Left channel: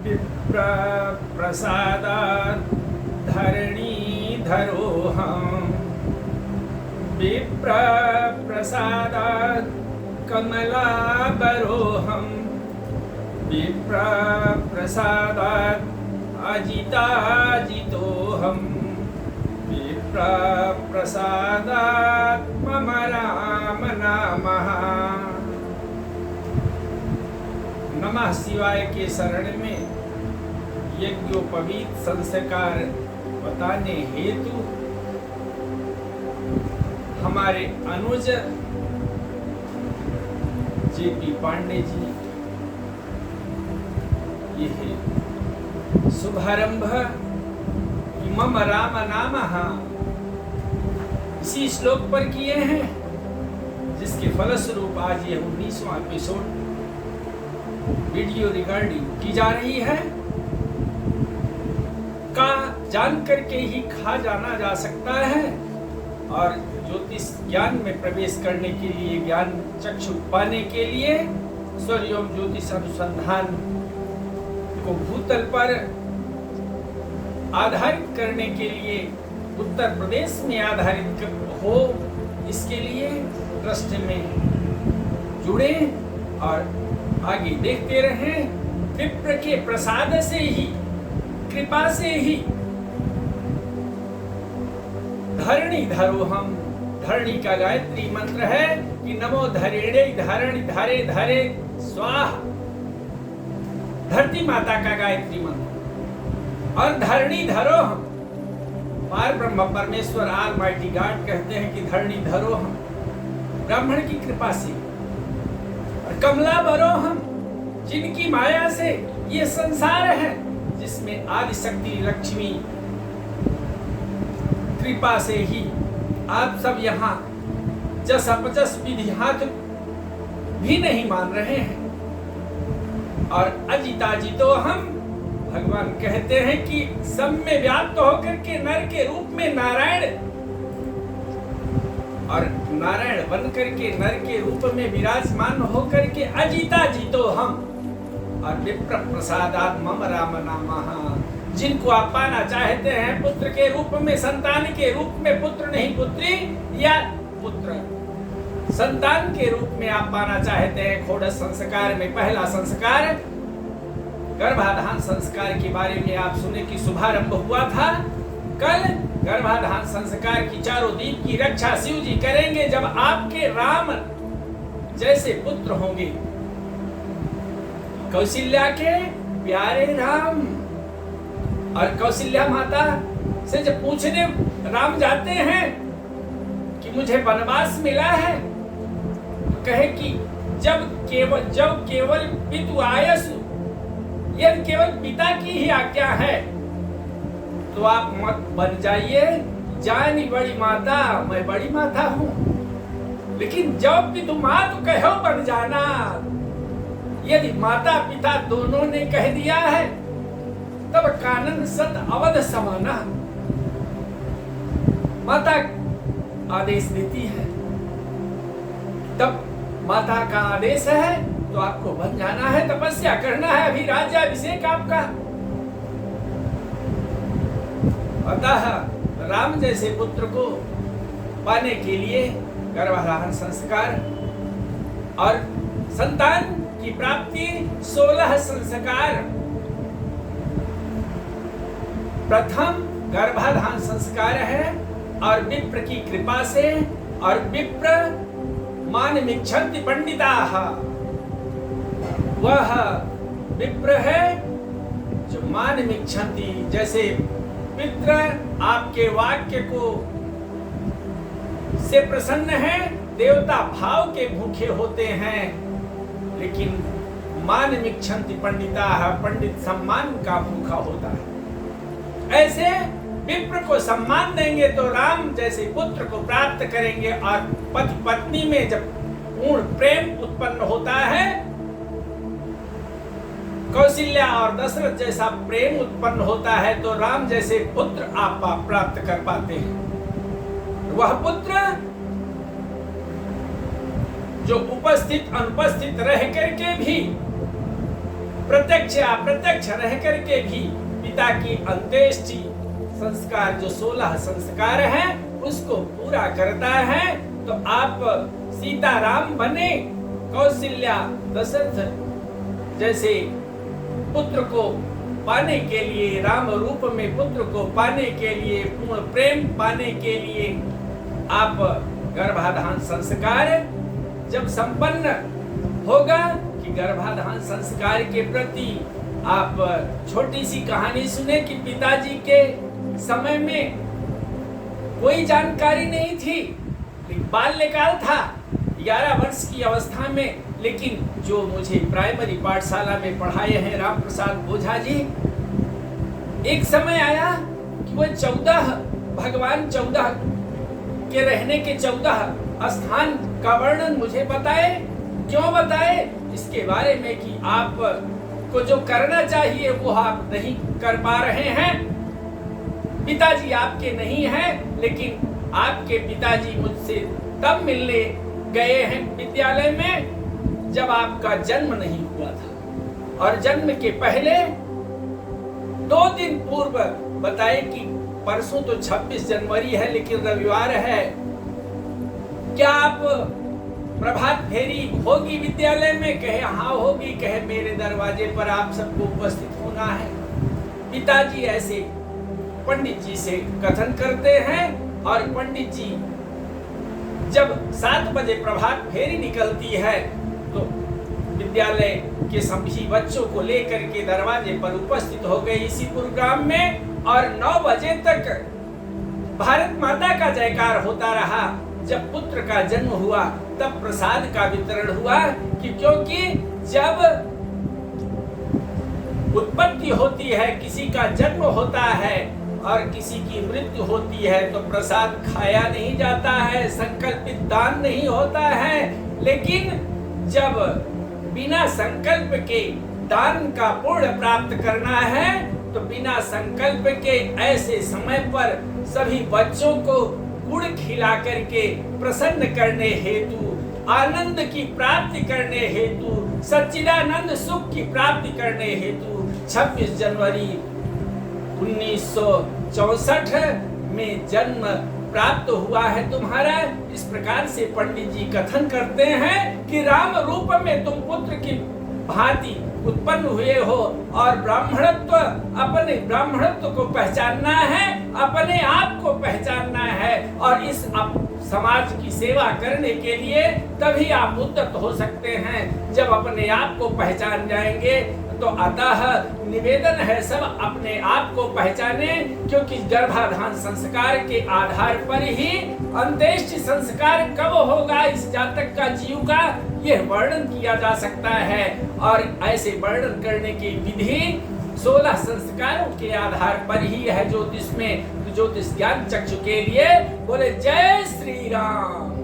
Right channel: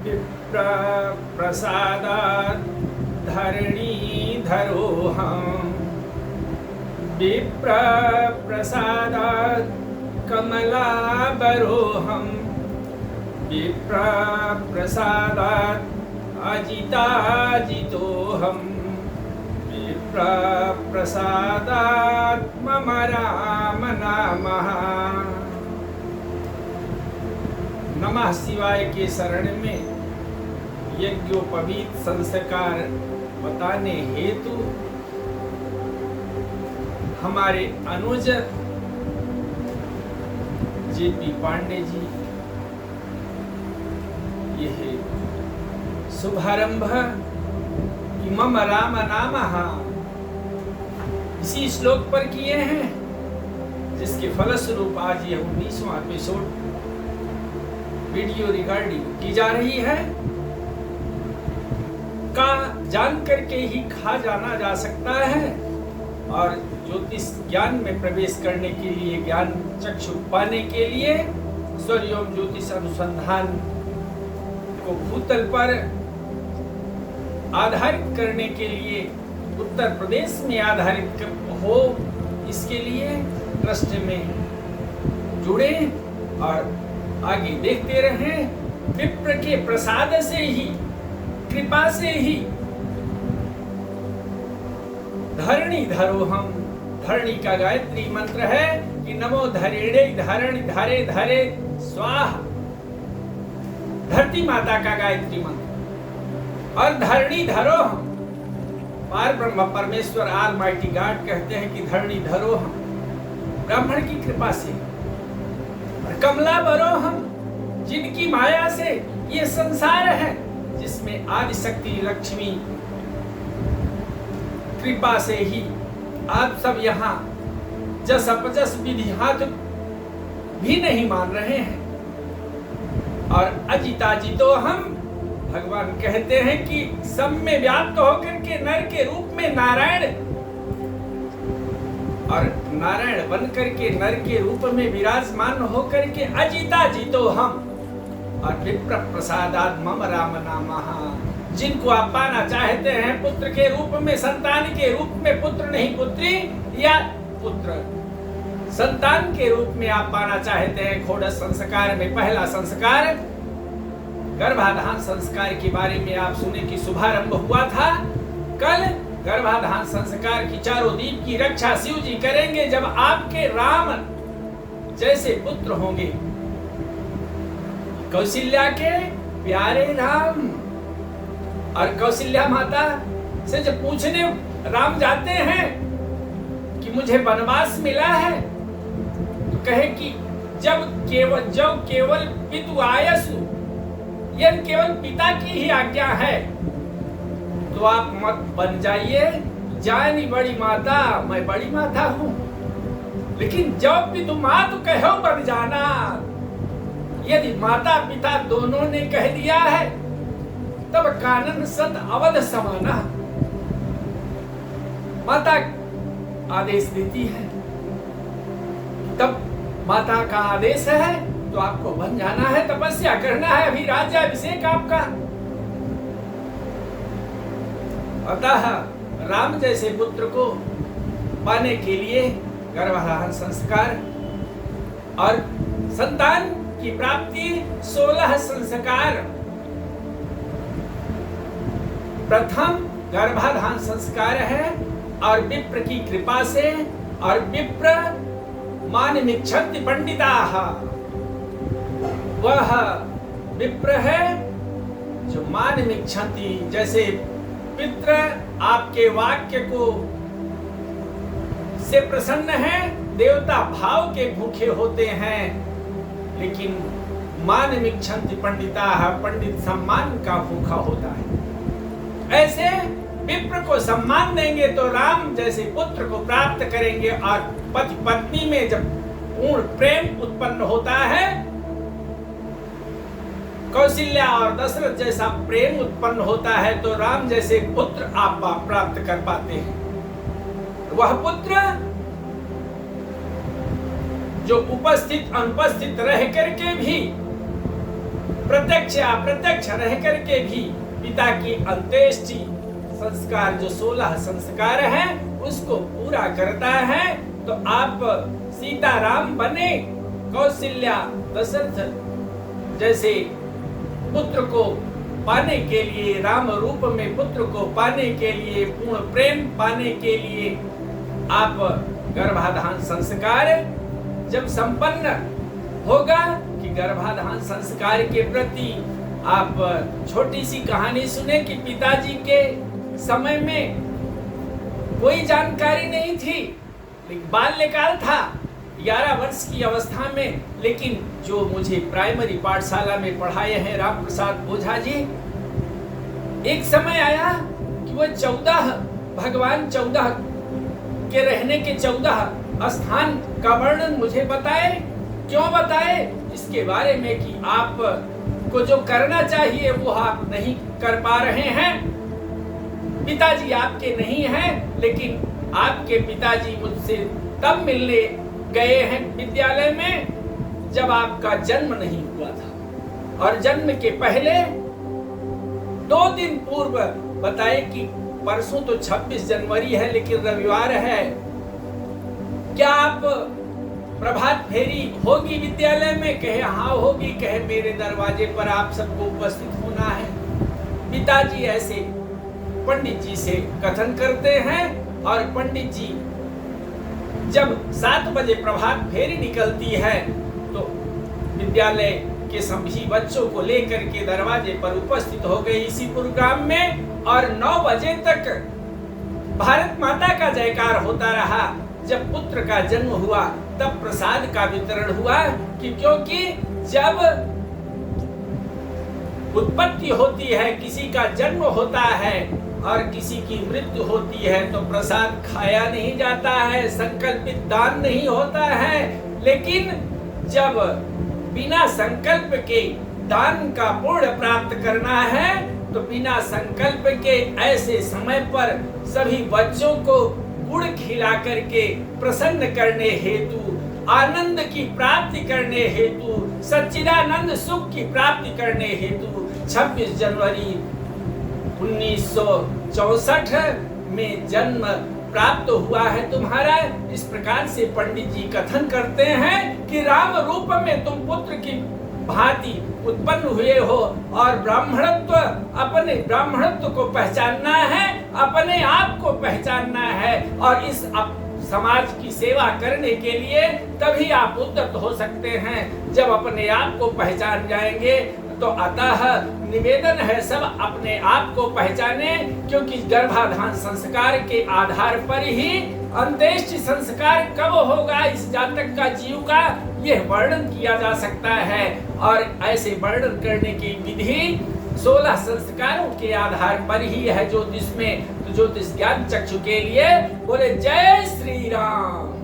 विप्र प्रसादात् धरणीधरोऽहम् विप्र प्रसादात् कमलाबरोऽहम् विप्र प्रसादात् अजिताजितोऽहम् विप्र प्रसादात् मम राम नामः। नमः शिवाय के शरण में यज्ञोपवीत संस्कार बताने हेतु हमारे अनुज जेपी पांडे जी ये शुभारंभ मम राम नामः इसी श्लोक पर किए हैं, जिसके फलस्वरूप आज ये 19वां एपिसोड वीडियो रिकॉर्डिंग की जा रही है। का जान करके ही खा जाना जा सकता है और ज्योतिष ज्ञान में प्रवेश करने के लिए, ज्ञान चक्षु पाने के लिए स्वयं ज्योतिष अनुसंधान को भूतल पर आधारित करने के लिए उत्तर प्रदेश में आधारित हो, इसके लिए ट्रस्ट में जुड़े और आगे देखते रहें। विप्र के प्रसाद से ही, कृपा से ही धरणी धरोहम, धरणी का गायत्री मंत्र है कि नमो धरेणे धरणी धरे धरे स्वाहा, धरती माता का गायत्री मंत्र। और धरणी धरोहम, पार ब्रह्म परमेश्वर ऑलमाइटी गॉड कहते हैं कि धरणी धरोहम, ब्राह्मण की कृपा से। और कमला बरोहम, जिनकी माया से ये संसार है, जिसमें आदि शक्ति लक्ष्मी कृपा से ही आप सब यहाँ जस अपजस विधि हाथ भी नहीं मान रहे हैं। और अजिताजितो हम, भगवान कहते हैं कि सब में व्याप्त होकर के नर के रूप में नारायण, और नारायण बन करके नर के रूप में विराजमान होकर के अजिताजितो हम। और विप्र प्रसादात् मम राम नामः, जिनको आप पाना चाहते हैं पुत्र के रूप में, संतान के रूप में, पुत्र नहीं पुत्री या पुत्र संतान के रूप में आप पाना चाहते हैं। खोड़स संस्कार में पहला संस्कार गर्भाधान संस्कार के बारे में आप सुने कि शुभारंभ हुआ था। कल गर्भाधान संस्कार की चारों दीप की रक्षा शिव जी करेंगे जब आपके राम जैसे पुत्र होंगे, कौशल्या के प्यारे राम। और कौशल्या माता से जब पूछने राम जाते हैं कि मुझे वनवास मिला है, तो कहे कि जब केवल पितु आयसु, यदि केवल पिता की ही आज्ञा है तो आप मत बन जाइए। जानी बड़ी माता, मैं बड़ी माता हूँ, लेकिन जब पितु मातु कहो बन जाना। यदि माता पिता दोनों ने कह दिया है तब कानन सत अवध समाना। माता आदेश देती है, तब माता का आदेश है तो आपको बन जाना है, तपस्या करना है। अभी राज्याभिषेक आपका। अतः राम जैसे पुत्र को पाने के लिए गर्भाधान संस्कार और संतान की प्राप्ति 16 संस्कार। प्रथम गर्भाधान संस्कार है और विप्र की कृपा से, और विप्र मानमिच्छन्ति पंडिताः, वह विप्र है जो मानमिच्छन्ति, जैसे पितृ आपके वाक्य को से प्रसन्न है, देवता भाव के भूखे होते हैं, लेकिन मानमिच्छन्ति पंडिताः, पंडित सम्मान का भूखा होता है। ऐसे विप्र को सम्मान देंगे तो राम जैसे पुत्र को प्राप्त करेंगे। और पति पत्नी में जब पूर्ण प्रेम उत्पन्न होता है, कौशल्या और दशरथ जैसा प्रेम उत्पन्न होता है, तो राम जैसे पुत्र आप प्राप्त कर पाते हैं। वह पुत्र जो उपस्थित अनुपस्थित रह करके भी प्रत्यक्ष अप्रत्यक्ष रह करके भी पिता की अंत्येष्टि संस्कार जो 16 संस्कार हैं उसको पूरा करता है। तो आप सीता राम बने, कौशल्या दशरथ जैसे पुत्र को पाने के लिए, राम रूप में पुत्र को पाने के लिए, पूर्ण प्रेम पाने के लिए आप गर्भाधान संस्कार जब संपन्न होगा कि गर्भाधान संस्कार के प्रति आप छोटी सी कहानी सुने कि पिताजी के समय में कोई जानकारी नहीं थी, बाल्यकाल था 11 वर्ष की अवस्था में, लेकिन जो मुझे प्राइमरी पाठशाला में पढ़ाए हैं राम प्रसाद ओझा जी, एक समय आया कि वह 14 भगवान 14 के रहने के 14 स्थान का वर्णन मुझे बताए। क्यों बताए? इसके बारे में कि आप को जो करना चाहिए वो आप नहीं कर पा रहे हैं। पिताजी आपके नहीं हैं, लेकिन आपके पिताजी मुझसे तब मिलने गए हैं विद्यालय में जब आपका जन्म नहीं हुआ था, और जन्म के पहले 2 दिन पूर्व बताए कि परसों तो 26 जनवरी है लेकिन रविवार है, क्या आप प्रभात फेरी होगी विद्यालय में? कहे हाँ होगी। कहे मेरे दरवाजे पर आप सबको उपस्थित होना है। पिताजी ऐसे पंडित जी से कथन करते हैं और पंडित जी जब 7 बजे प्रभात फेरी निकलती है तो विद्यालय के सभी बच्चों को लेकर के दरवाजे पर उपस्थित हो गए इसी प्रोग्राम में, और 9 बजे तक भारत माता का जयकार होता रहा। जब पुत्र का जन्म हुआ तब प्रसाद का वितरण हुआ, कि क्योंकि जब उत्पत्ति होती है, किसी का जन्म होता है और किसी की मृत्यु होती है तो प्रसाद खाया नहीं जाता है, संकल्पित दान नहीं होता है। लेकिन जब बिना संकल्प के दान का पुण्य प्राप्त करना है तो बिना संकल्प के ऐसे समय पर सभी बच्चों को गुड़ खिला करके प्रसन्न करने हेतु, आनंद की प्राप्ति करने हेतु, सच्चिदानंद सुख की प्राप्ति करने हेतु 26 जनवरी 1964 में जन्म प्राप्त हुआ है तुम्हारा। इस प्रकार से पंडित जी कथन करते हैं कि राम रूप में तुम पुत्र की भांति उत्पन्न हुए हो, और ब्राह्मणत्व, अपने ब्राह्मणत्व को पहचानना है, अपने आप को पहचानना है, और इस समाज की सेवा करने के लिए तभी आप उद्यत हो सकते हैं जब अपने आप को पहचान जाएंगे। तो अतः निवेदन है सब अपने आप को पहचाने, क्योंकि गर्भाधान संस्कार के आधार पर ही अंत्येष्टि संस्कार कब होगा इस जातक का, जीव का, यह वर्णन किया जा सकता है। और ऐसे वर्णन करने की विधि 16 संस्कारों के आधार पर ही है ज्योतिष में। तो ज्योतिष ज्ञान चक्षु के लिए बोले जय श्री राम।